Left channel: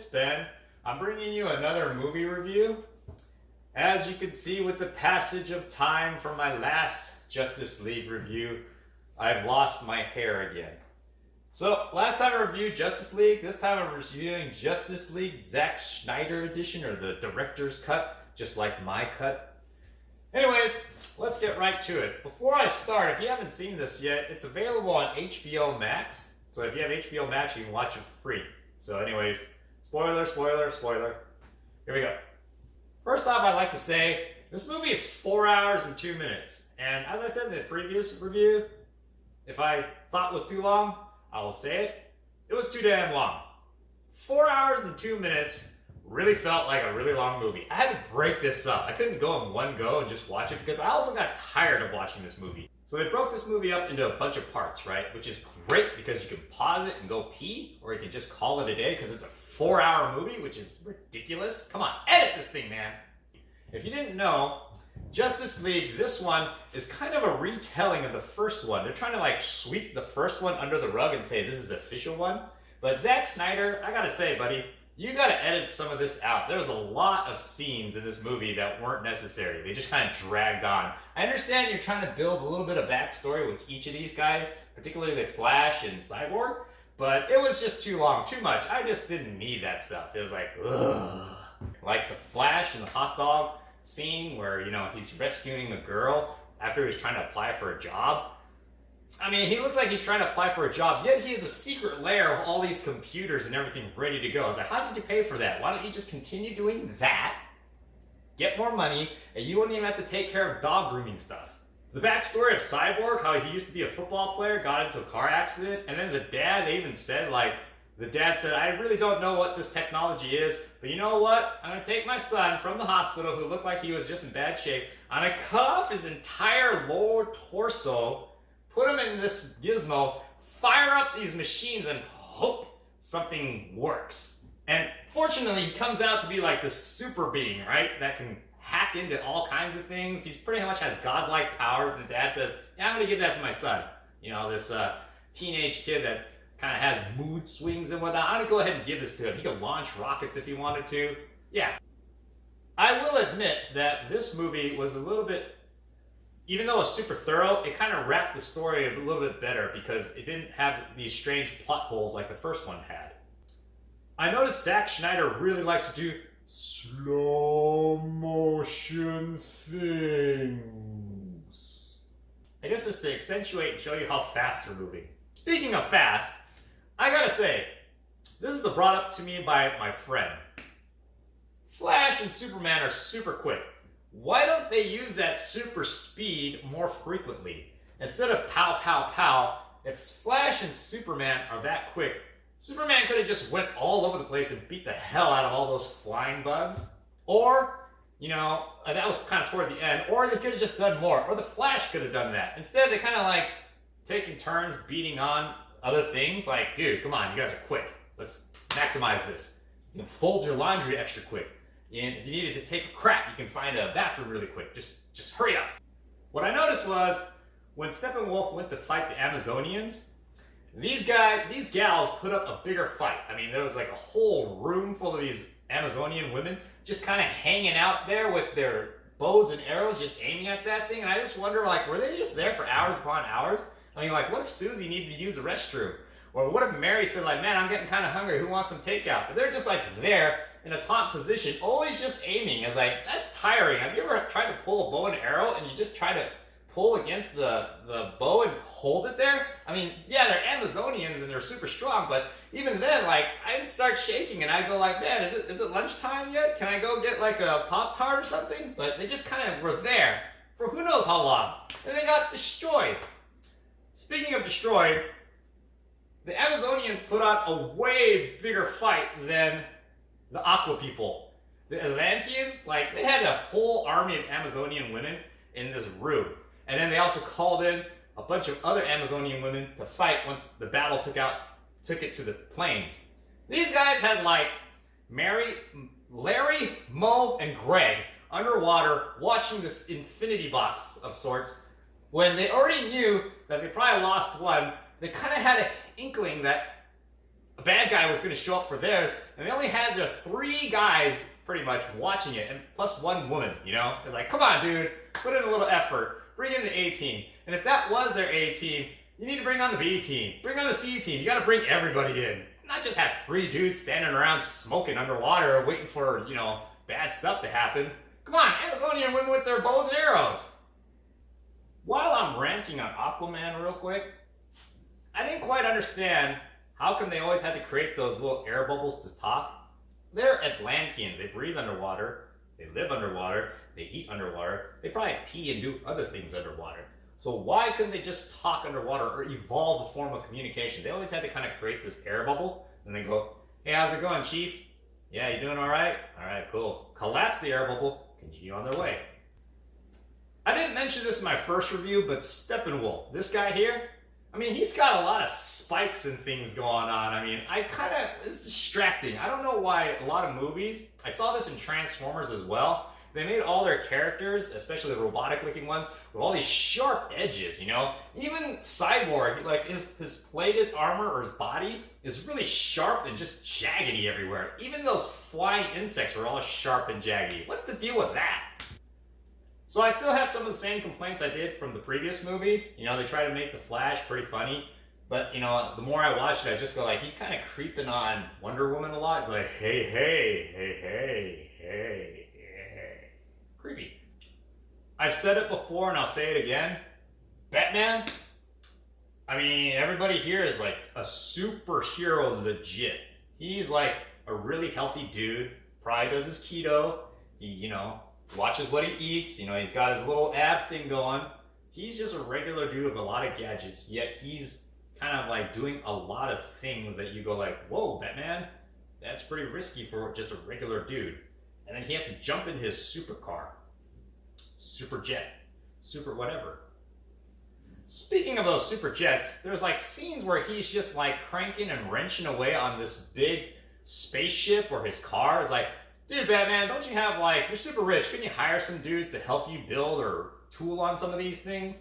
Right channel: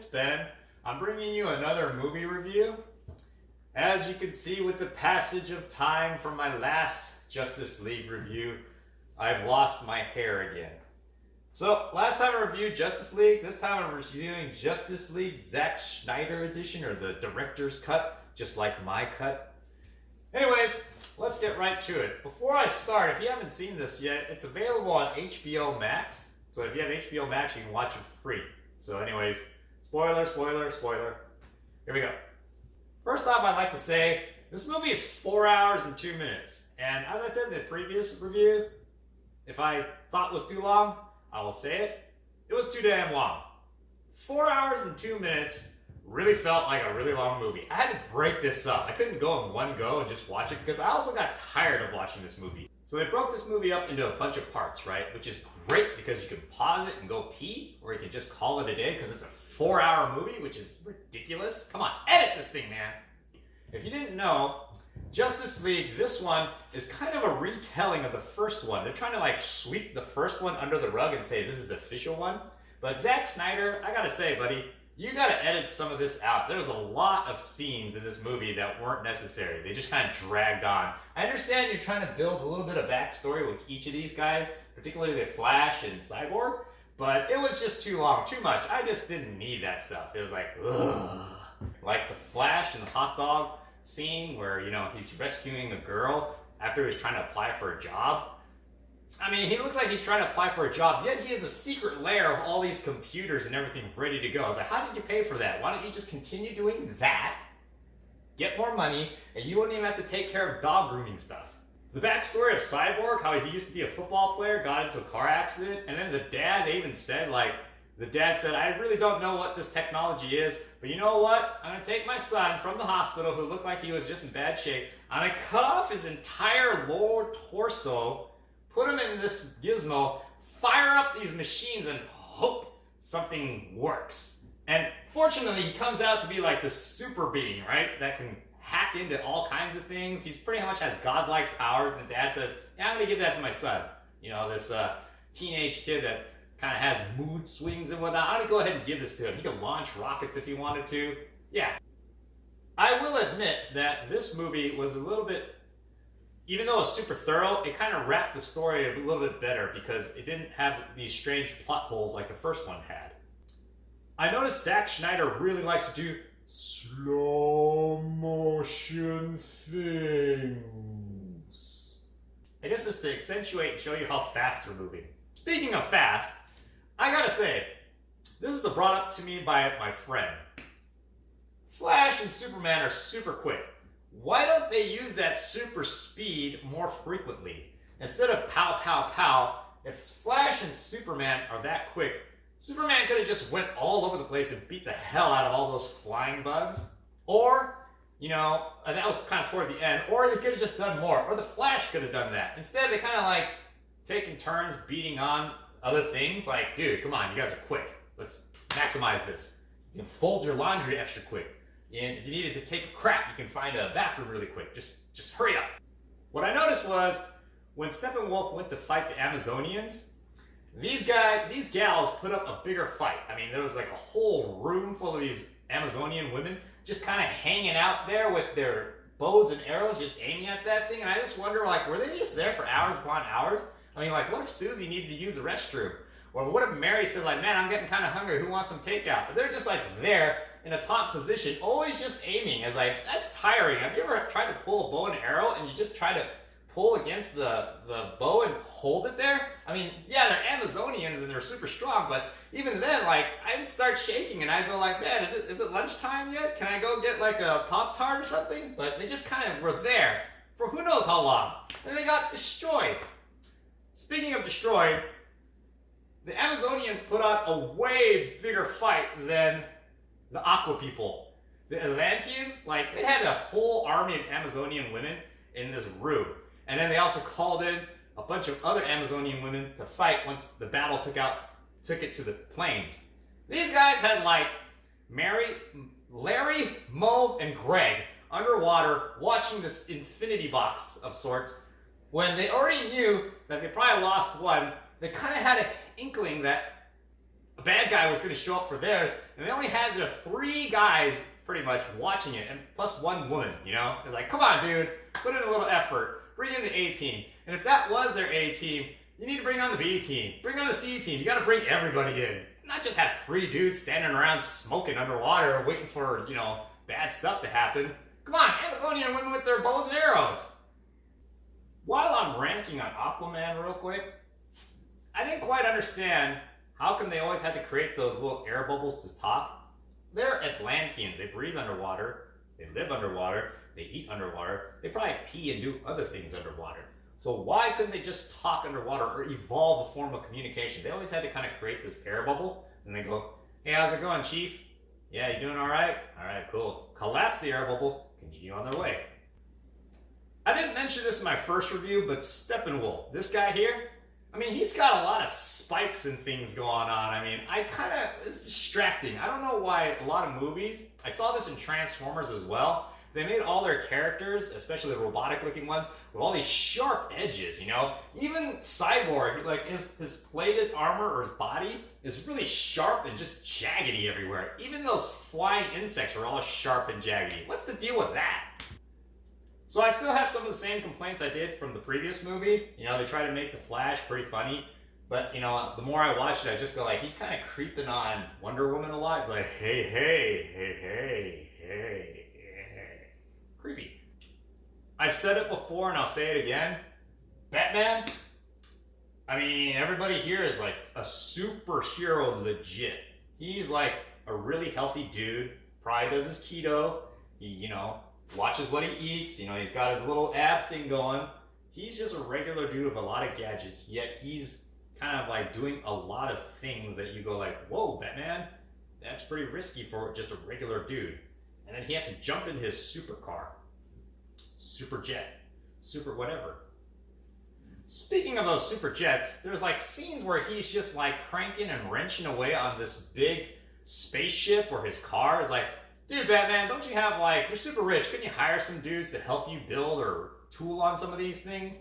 it's Ben. I'm bringing you another movie review. As you can see with the passage of time from my last Justice League review, I've lost my hair again. So, last time I reviewed Justice League, this time I'm reviewing Justice League Zach Snyder edition, or the director's cut, just like my cut. Anyways, let's get right to it. Before I start, if you haven't seen this yet, it's available on HBO Max. So if you have HBO Max, you can watch it for free. So anyways, spoiler. Here we go. First off, I'd like to say, this movie is 4 hours and 2 minutes. And as I said in the previous review, if I thought it was too long, I will say it. It was too damn long. 4 hours and 2 minutes really felt like a really long movie. I had to break this up. I couldn't go in one go and just watch it because I also got tired of watching this movie. So they broke this movie up into a bunch of parts, right? Which is great because you can pause it and go pee, or you can just call it a day because it's a 4 hour movie, which is ridiculous. Come on, edit this thing, man. If you didn't know, Justice League, this one is kind of a retelling of the first one. They're trying to like sweep the first one under the rug and say this is the official one. But Zack Snyder, I gotta say, buddy, you gotta edit some of this out. There's a lot of scenes in this movie that weren't necessary. They just kind of dragged on. I understand you're trying to build a little bit of backstory with each of these guys, particularly the Flash and Cyborg, but it was just too long, too much. I just didn't need that stuff. It was like, ugh. Like the Flash and the hot dog scene where, you know, he's rescuing the girl after he was trying to apply for a job. I mean, he looks like he's trying to apply for a job, yet he has a secret lair of all these computers and everything ready to go. I was like, how did you pay for that? Why don't you just continue doing that, get more money, and you wouldn't even have to take care of dog grooming stuff? The backstory of Cyborg, how he used to be a football player, got into a car accident, and then the dad, they even said, like, the dad said, I really don't know what this technology is, but you know what? I'm going to take my son from the hospital, who looked like he was just in bad shape. I'm going to cut off his entire lower torso, put him in this gizmo, fire up these machines, and hope something works. And fortunately, he comes out to be like this super being, right? That can hack into all kinds of things. He's pretty much has godlike powers. And the dad says, yeah, I'm going to give that to my son. You know, this teenage kid that kind of has mood swings and whatnot. I'm going to go ahead and give this to him. He could launch rockets if he wanted to. Yeah. I will admit that this movie was a little bit, even though it was super thorough, it kind of wrapped the story a little bit better because it didn't have these strange plot holes like the first one had. I noticed Zack Snyder really likes to do slow motion things. I guess it's to accentuate and show you how fast they're moving. Speaking of fast, I gotta say, this is brought up to me by my friend. Flash and Superman are super quick. Why don't they use that super speed more frequently? Instead of pow, pow, pow, if Flash and Superman are that quick, Superman could have just went all over the place and beat the hell out of all those flying bugs. Or, you know, that was kind of toward the end, or they could have just done more, or the Flash could have done that. Instead, they kind of like taking turns beating on other things. Like, dude, come on, you guys are quick. Let's maximize this. You can fold your laundry extra quick. And if you needed to take a crap, you can find a bathroom really quick. Just hurry up. What I noticed was, when Steppenwolf went to fight the Amazonians, these gals put up a bigger fight. I mean, there was like a whole room full of these Amazonian women just kind of hanging out there with their bows and arrows, just aiming at that thing. And I just wonder, like, were they just there for hours upon hours? I mean, like, what if Susie needed to use a restroom? Or what if Mary said, like, man, I'm getting kind of hungry. Who wants some takeout? But they're just, like, there in a taunt position, always just aiming. It's like, that's tiring. Have you ever tried to pull a bow and arrow and you just try to pull against the bow and hold it there? I mean, yeah, they're Amazonians and they're super strong, but even then, like, I'd start shaking and I'd go like, man, is it lunchtime yet? Can I go get like a Pop-Tart or something? But they just kind of were there for who knows how long. And they got destroyed. Speaking of destroyed, the Amazonians put on a way bigger fight than the Aqua people. The Atlanteans, like, they had a whole army of Amazonian women in this room. And then they also called in a bunch of other Amazonian women to fight once the battle took it to the plains. These guys had like Larry, Mo, and Greg underwater watching this infinity box of sorts. When they already knew that they probably lost one, they kind of had an inkling that a bad guy was going to show up for theirs, and they only had the 3 guys pretty much watching it, and plus 1 woman, you know? It's like, come on, dude, put in a little effort, bring in the A team. And if that was their A team, you need to bring on the B team, bring on the C team. You got to bring everybody in. Not just have 3 dudes standing around smoking underwater waiting for, you know, bad stuff to happen. Come on, Amazonian women with their bows and arrows. While I'm ranting on Aquaman real quick, I didn't quite understand how come they always had to create those little air bubbles to talk. They're Atlanteans. They breathe underwater. They live underwater. They eat underwater. They probably pee and do other things underwater. So why couldn't they just talk underwater or evolve a form of communication? They always had to kind of create this air bubble and they go, hey, how's it going, Chief? Yeah, you doing all right? All right, cool. Collapse the air bubble, continue on their way. I didn't mention this in my first review, but Steppenwolf, this guy here, I mean, he's got a lot of spikes and things going on. I mean, it's distracting. I don't know why a lot of movies, I saw this in Transformers as well, they made all their characters, especially the robotic looking ones, with all these sharp edges, you know? Even Cyborg, like his plated armor or his body is really sharp and just jaggedy everywhere. Even those flying insects are all sharp and jaggedy. What's the deal with that? So I still have some of the same complaints I did from the previous movie. You know, they try to make the Flash pretty funny, but you know, the more I watch it, I just go like, he's kind of creeping on Wonder Woman a lot. He's like, hey, hey, hey, hey, hey, hey. Creepy. I've said it before and I'll say it again. Batman, I mean, everybody here is like a superhero legit. He's like a really healthy dude, probably does his keto, he, you know, watches what he eats, you know, he's got his little ab thing going. He's just a regular dude with a lot of gadgets, yet he's kind of like doing a lot of things that you go like, whoa, Batman, that's pretty risky for just a regular dude. And then he has to jump in his supercar, super jet, super whatever. Speaking of those super jets, there's like scenes where he's just like cranking and wrenching away on this big spaceship or his car. It's like, dude, Batman, don't you have like, you're super rich, couldn't you hire some dudes to help you build or tool on some of these things?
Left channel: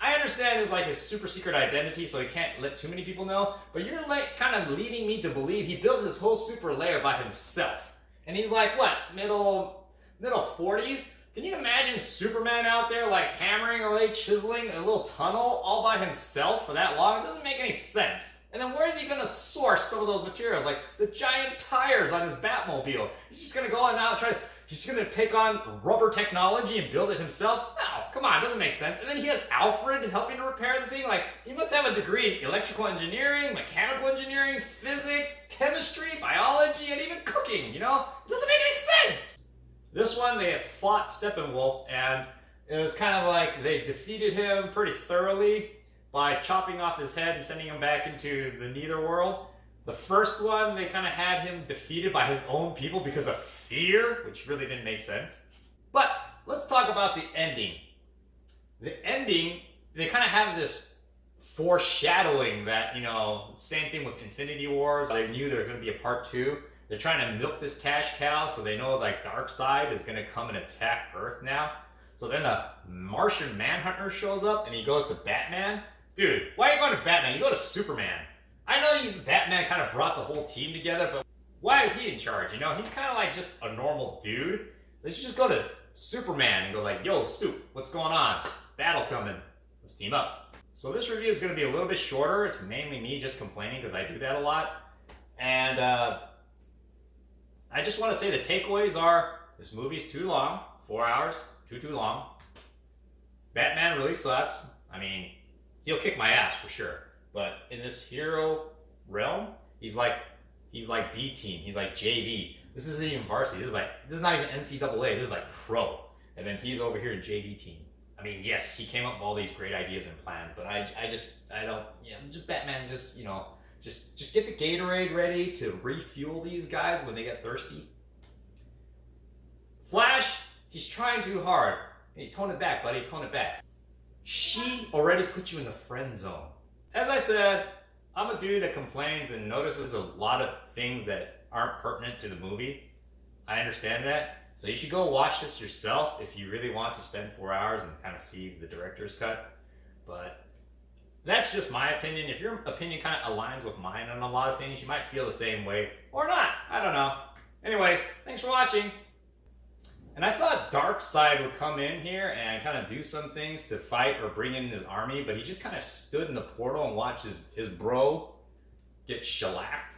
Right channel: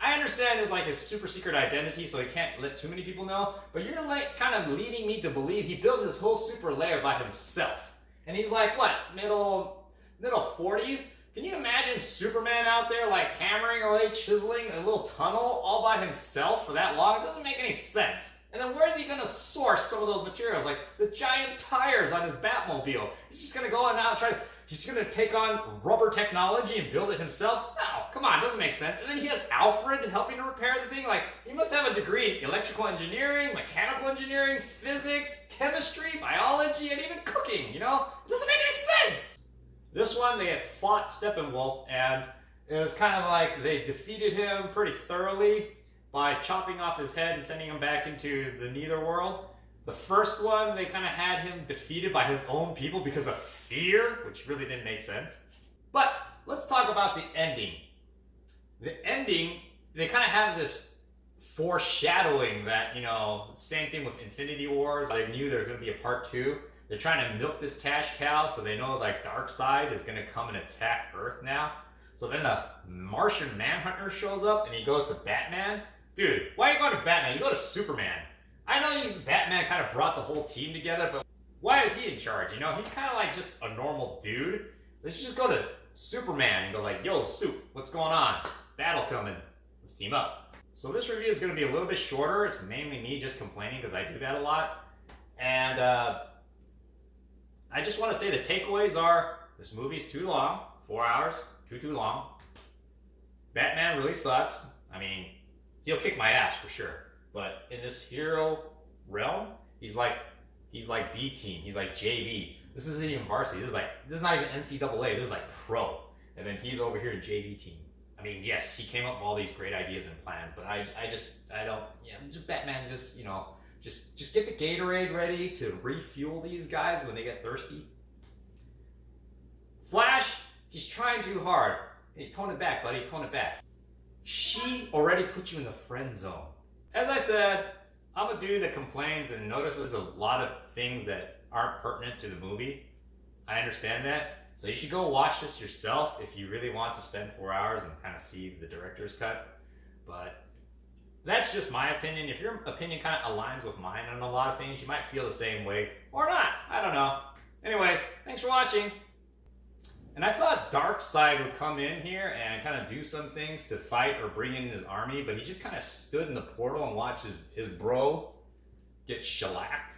I understand it's like his super secret identity, so he can't let too many people know, but you're like kind of leading me to believe he built his whole super lair by himself. And he's like, what, middle 40s? Can you imagine Superman out there like hammering away, chiseling a little tunnel all by himself for that long? It doesn't make any sense. And then where is he going to source some of those materials? Like the giant tires on his Batmobile. He's just going to go out and he's going to take on rubber technology and build it himself? No, come on, it doesn't make sense. And then he has Alfred helping to repair the thing. Like, he must have a degree in electrical engineering, mechanical engineering, physics, chemistry, biology, and even cooking, you know? It doesn't make any sense. This one, they had fought Steppenwolf, and it was kind of like they defeated him pretty thoroughly by chopping off his head and sending him back into the Netherworld. The first one, they kind of had him defeated by his own people because of fear, which really didn't make sense. But let's talk about the ending. The ending, they kind of have this foreshadowing that, you know, same thing with Infinity Wars. They knew there was going to be a part 2. They're trying to milk this cash cow, so they know like Darkseid is going to come and attack Earth now. So then the Martian Manhunter shows up and he goes to Batman. Dude, why are you going to Batman? You go to Superman. I know Batman kind of brought the whole team together, but why is he in charge? You know, he's kind of like just a normal dude. They should just go to Superman and go like, yo, Sup, what's going on? Battle coming. Let's team up. So this review is going to be a little bit shorter. It's mainly me just complaining because I do that a lot. And I just want to say the takeaways are, this movie's too long. 4 hours, too long. Batman really sucks. I mean, he'll kick my ass for sure. But in this hero realm, he's like B team. He's like JV. This isn't even varsity. This is not even NCAA. This is like pro. And then he's over here in JV team. I mean, yes, he came up with all these great ideas and plans, but I don't, you know, just Batman, just, you know, just get the Gatorade ready to refuel these guys when they get thirsty. Flash, he's trying too hard. Hey, tone it back, buddy, tone it back. She already put you in the friend zone. As I said, I'm a dude that complains and notices a lot of things that aren't pertinent to the movie. I understand that. So you should go watch this yourself if you really want to spend 4 hours and kind of see the director's cut. But That's just my opinion. If your opinion kind of aligns with mine on a lot of things, you might feel the same way or not. I don't know. Anyways, thanks for watching. And I thought Darkseid would come in here and kind of do some things to fight or bring in his army, but he just kind of stood in the portal and watched his bro get shellacked.